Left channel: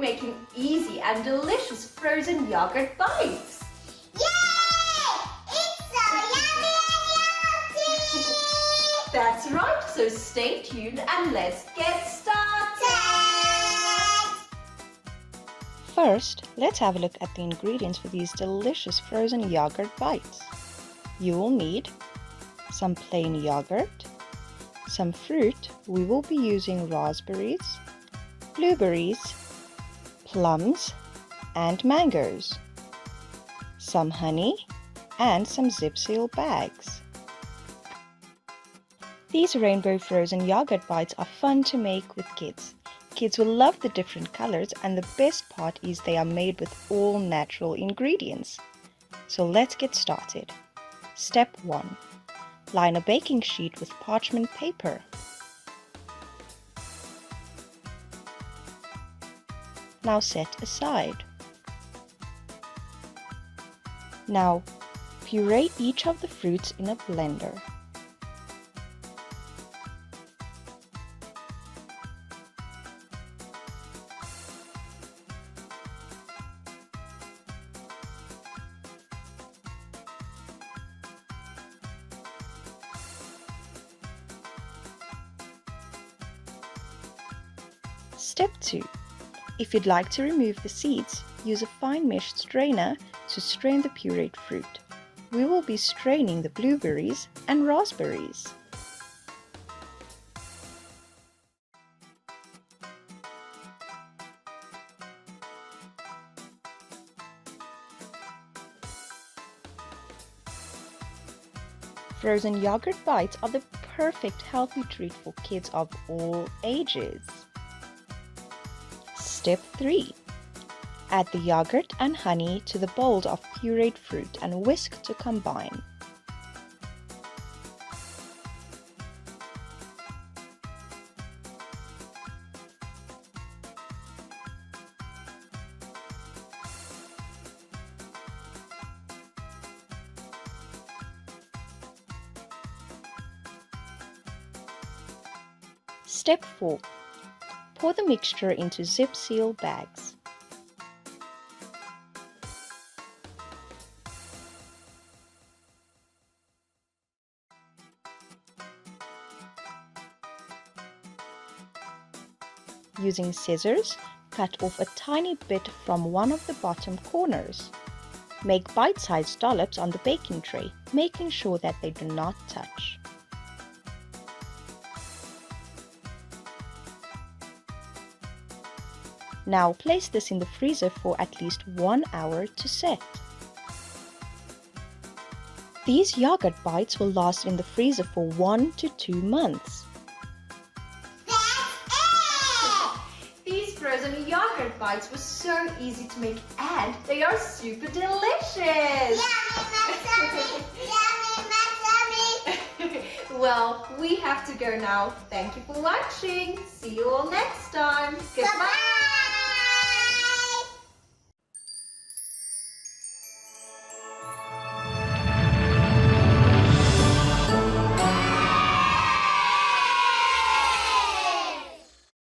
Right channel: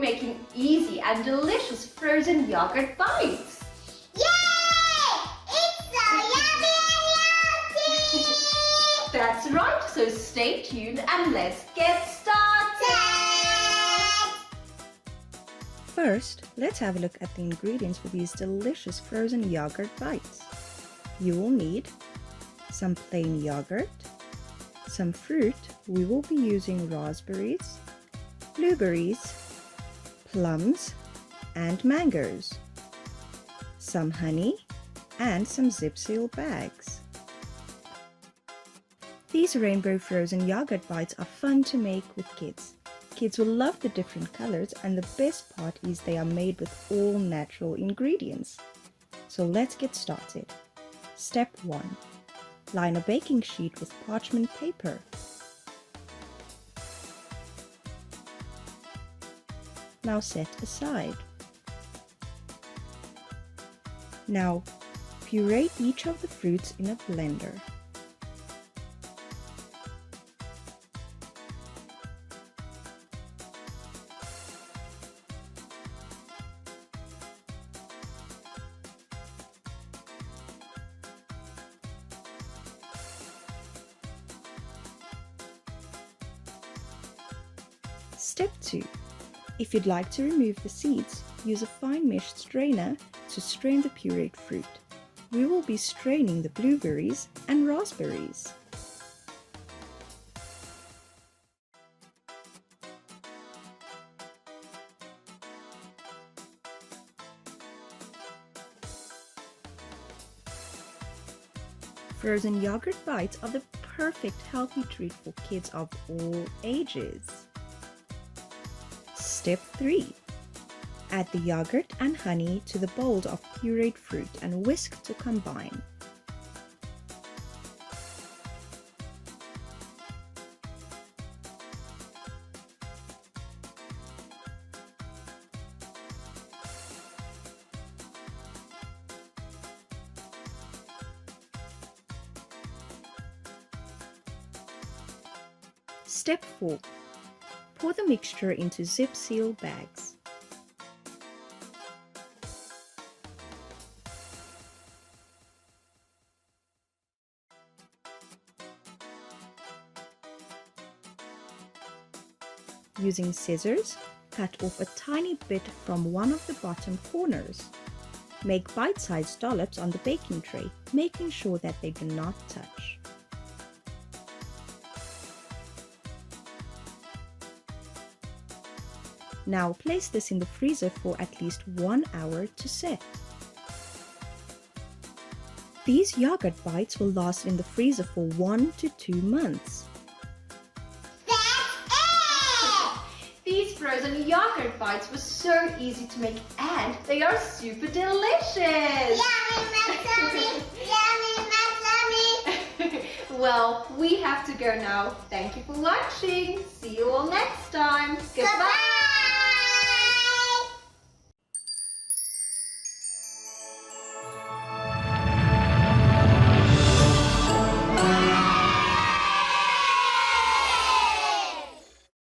making easy and delicious frozen yogurt bites. Yay! It's so yummy and healthy! That's right, so stay tuned and let's get started! First, let's have a look at the ingredients for these delicious frozen yogurt bites. You will need some plain yogurt, some fruit. We will be using raspberries, blueberries, plums, and mangoes, some honey, and some zip seal bags. These rainbow frozen yogurt bites are fun to make with kids. Kids will love the different colors, and the best part is they are made with all natural ingredients. So let's get started. Step 1. Line a baking sheet with parchment paper. Now set aside. Now puree each of the fruits in a blender. Step 2. If you'd like to remove the seeds, use a fine mesh strainer to strain the pureed fruit. We will be straining the blueberries and raspberries. Frozen yogurt bites are the perfect healthy treat for kids of all ages. Step 3. Add the yogurt and honey to the bowl of pureed fruit and whisk to combine. Step 4. Pour the mixture into zip seal bags. Using scissors, cut off a tiny bit from one of the bottom corners. Make bite-sized dollops on the baking tray, making sure that they do not touch. Now place this in the freezer for at least 1 hour to set. These yogurt bites will last in the freezer for 1 to 2 months. These frozen yogurt bites were so easy to make and they are super delicious! Yummy, yummy, yummy. Well, we have to go now. Thank you for watching. See you all next time. Goodbye.